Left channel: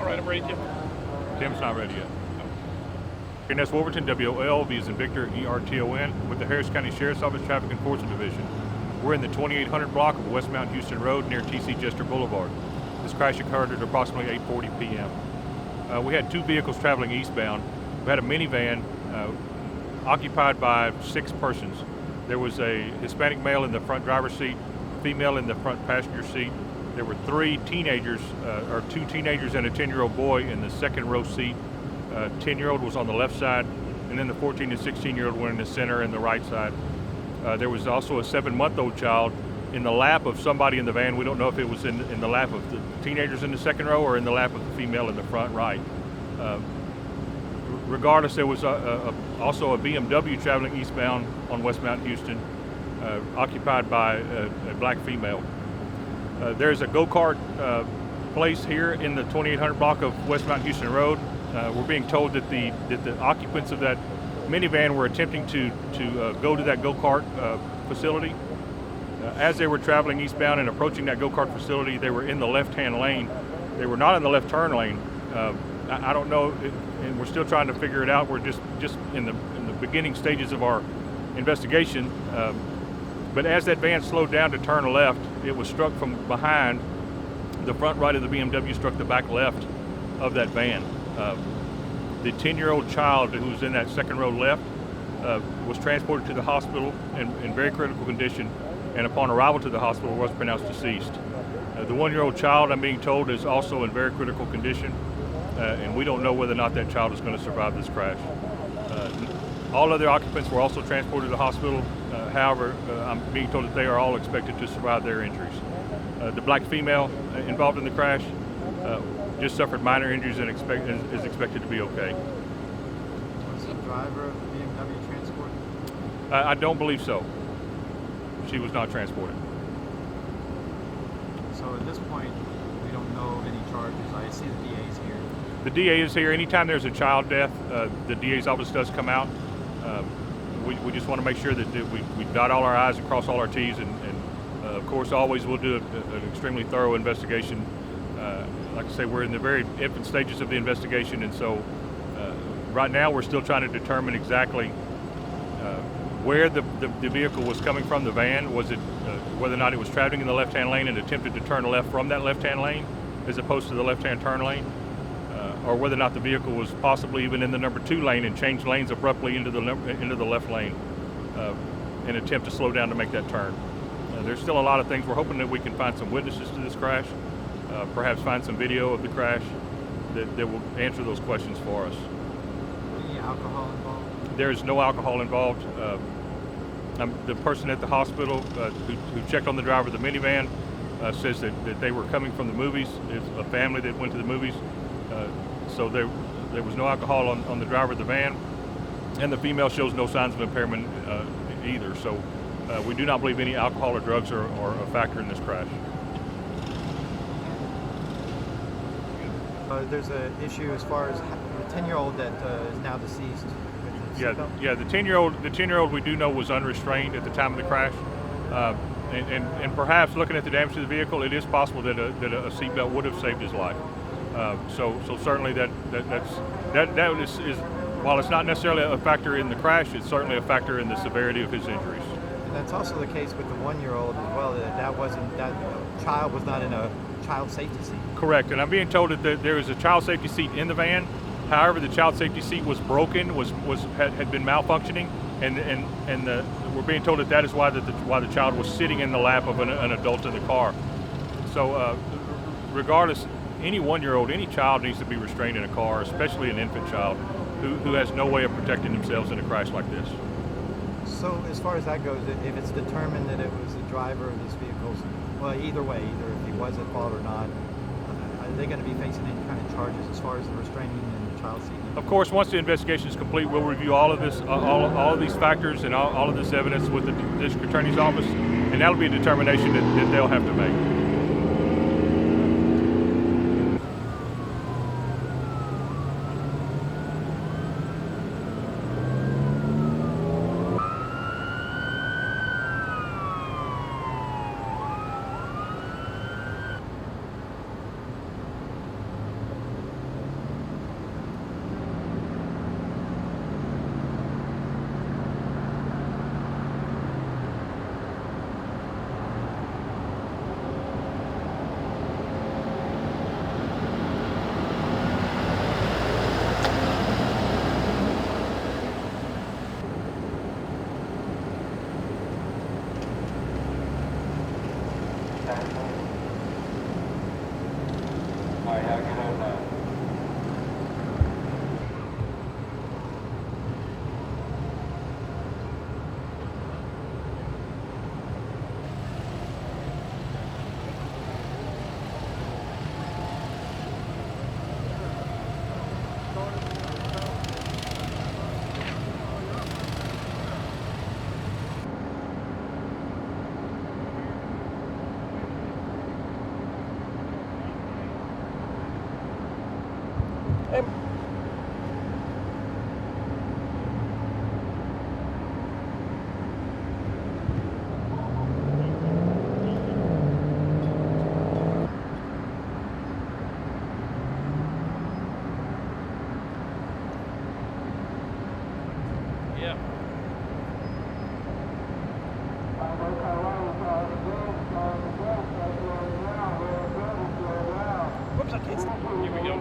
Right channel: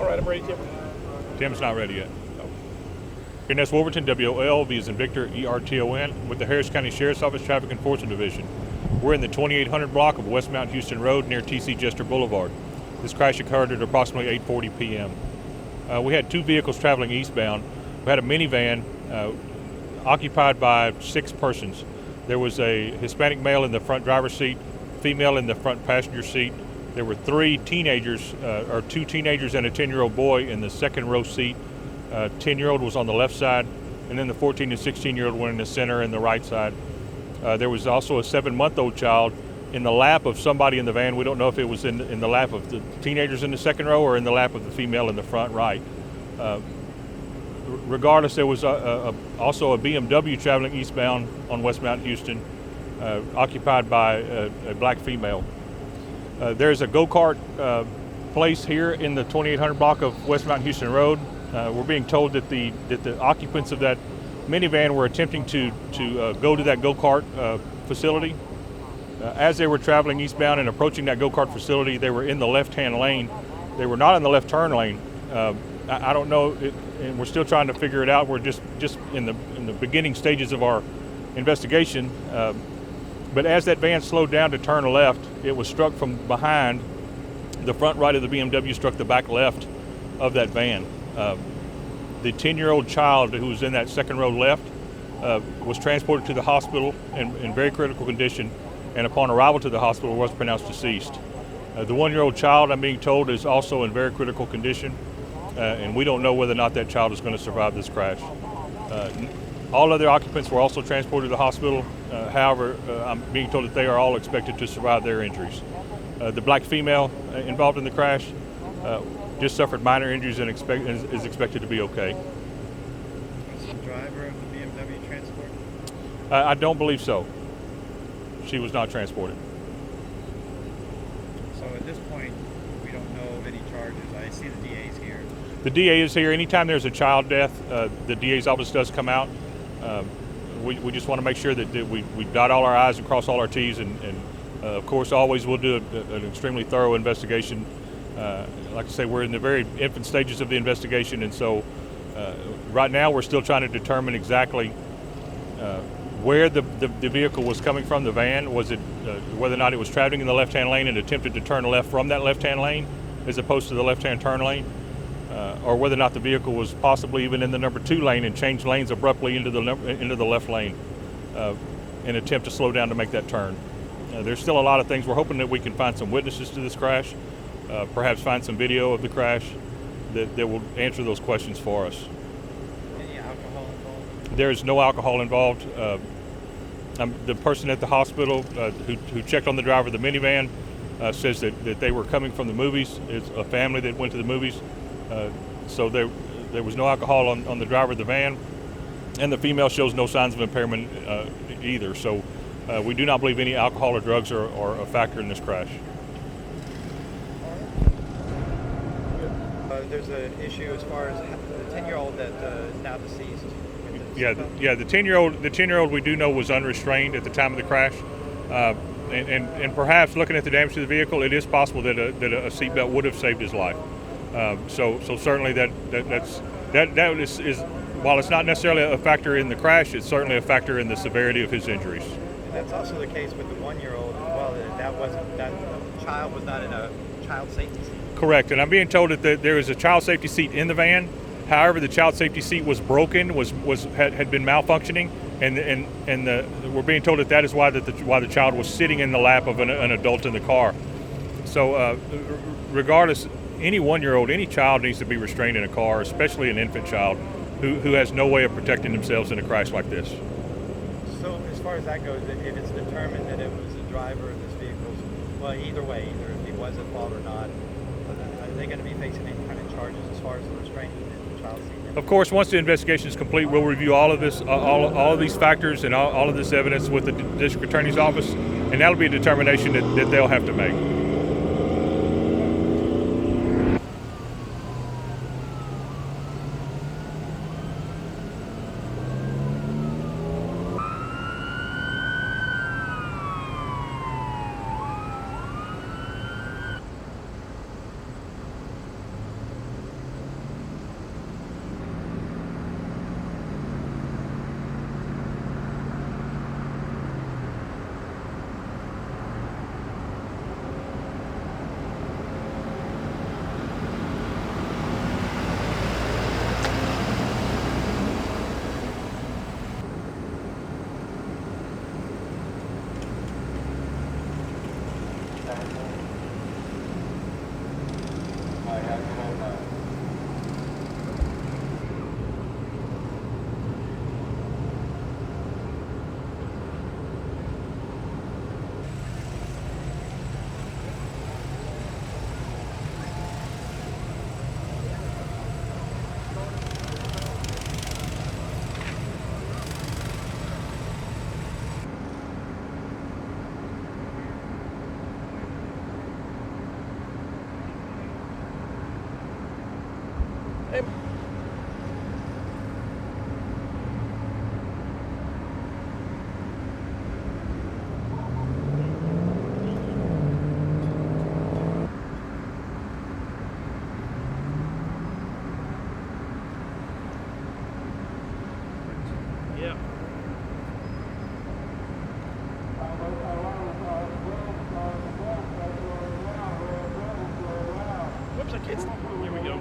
All right, I'm ready, Tim. Tim's not ready yet. And that's Wolverton, WOLV is in Victor, ERTON, with the Harris County Sheriff's Office Traffic Enforcement Division. We're in the 2800 block of West Mount Houston Road near TC Jester Boulevard. This crash occurred at approximately 8:40 p.m. We had two vehicles traveling eastbound. We had a minivan occupied by 6 persons. There was a Hispanic male in the front driver's seat, female in the front passenger seat. There were 3 teenagers, or 2 teenagers and a 10-year-old boy in the second row seat. 10-year-old was on the left side, and then the 14 and 16-year-old were in the center and the right side. There was also a 7-month-old child in the lap of somebody in the van. We don't know if it was in the lap of the teenagers in the second row or in the lap of the female in the front right. Regardless, there was also a BMW traveling eastbound on West Mount Houston, occupied by a black female. There's a go-kart place here in the 2800 block of West Mount Houston Road. We're being told that the occupants of that minivan were attempting to go to that go-kart facility. As they were traveling eastbound and approaching that go-kart facility, they were in the left-hand lane. They were not in the left turn lane. I don't know, and we're still trying to figure it out. We're just in the beginning stages of our investigation. But as that van slowed down to turn left, it was struck from behind. The front right of the BMW struck the back left of that van. The 10-year-old child who was in that second row left was transported to the hospital in very critical condition, and upon arrival to the hospital was pronounced deceased. The 1-year-old child, I'm being told, is also in very critical condition, and we don't know whether or not that child is going to survive this crash. All other occupants were also transported to the hospital. However, I'm being told that they are all expected to survive their injuries. The black female involved in the crash just suffered minor injuries and is expected to be okay. Was the driver of the BMW transported? I don't believe so. She was not transported. So at this point, we don't know of any charges. I see the DA's here. The DA is here. Anytime there's a child death, the DA's office does come out. We just want to make sure that we dot all our I's and cross all our T's, and of course always we'll do an extremely thorough investigation. Like I say, we're in the very infant stages of the investigation, and so right now we're still trying to determine exactly where the vehicle was coming from, the van. Was it whether or not it was traveling in the left-hand lane and attempted to turn left from that left-hand lane as opposed to the left-hand turn lane, or whether or not the vehicle was possibly even in the number 2 lane and changed lanes abruptly into the left lane in an attempt to slow down to make that turn. There's still a lot of things. We're hoping that we can find some witnesses to this crash, perhaps find some video of the crash that will answer those questions for us. Any alcohol involved? There is no alcohol involved. The person at the hospital who checked on the driver of the minivan says that they were coming from the movies. It's a family that went to the movies. So there was no alcohol on the driver of the van, and the female shows no signs of impairment either. So we do not believe any alcohol or drugs are a factor in this crash. There's an issue as far as the 10-year-old that is now deceased. Yeah. The 10-year-old we do know was unrestrained at the time of the crash, and perhaps looking at the damage to the vehicle, it is possible that a seatbelt would have saved his life. So certainly that is while it's not necessarily a factor in the crash, it's certainly a factor in the severity of his injuries. And that's also the case with the 1-year-old as well. That child was not in a child safety seat. Correct, and I'm being told that there is a child safety seat in the van. However, the child safety seat was broken, had been malfunctioning, and we're being told that is why the child was sitting in the lap of an adult in the car. So regardless, any 1-year-old, any child needs to be restrained in a car, especially an infant child who has no way of protecting themselves in a crash like this. So as far as that goes, if it's determined that it was the driver of this vehicle, well, either way, either if he was at fault or not, are they going to be facing any kind of charges as far as the restraining and the child seat? Of course, once the investigation is complete, we'll review all of this, all of these factors and all of this evidence with the district attorney's office, and that'll be a determination that they'll have to make. him. Yeah. Whoops, I can't see. Here we go.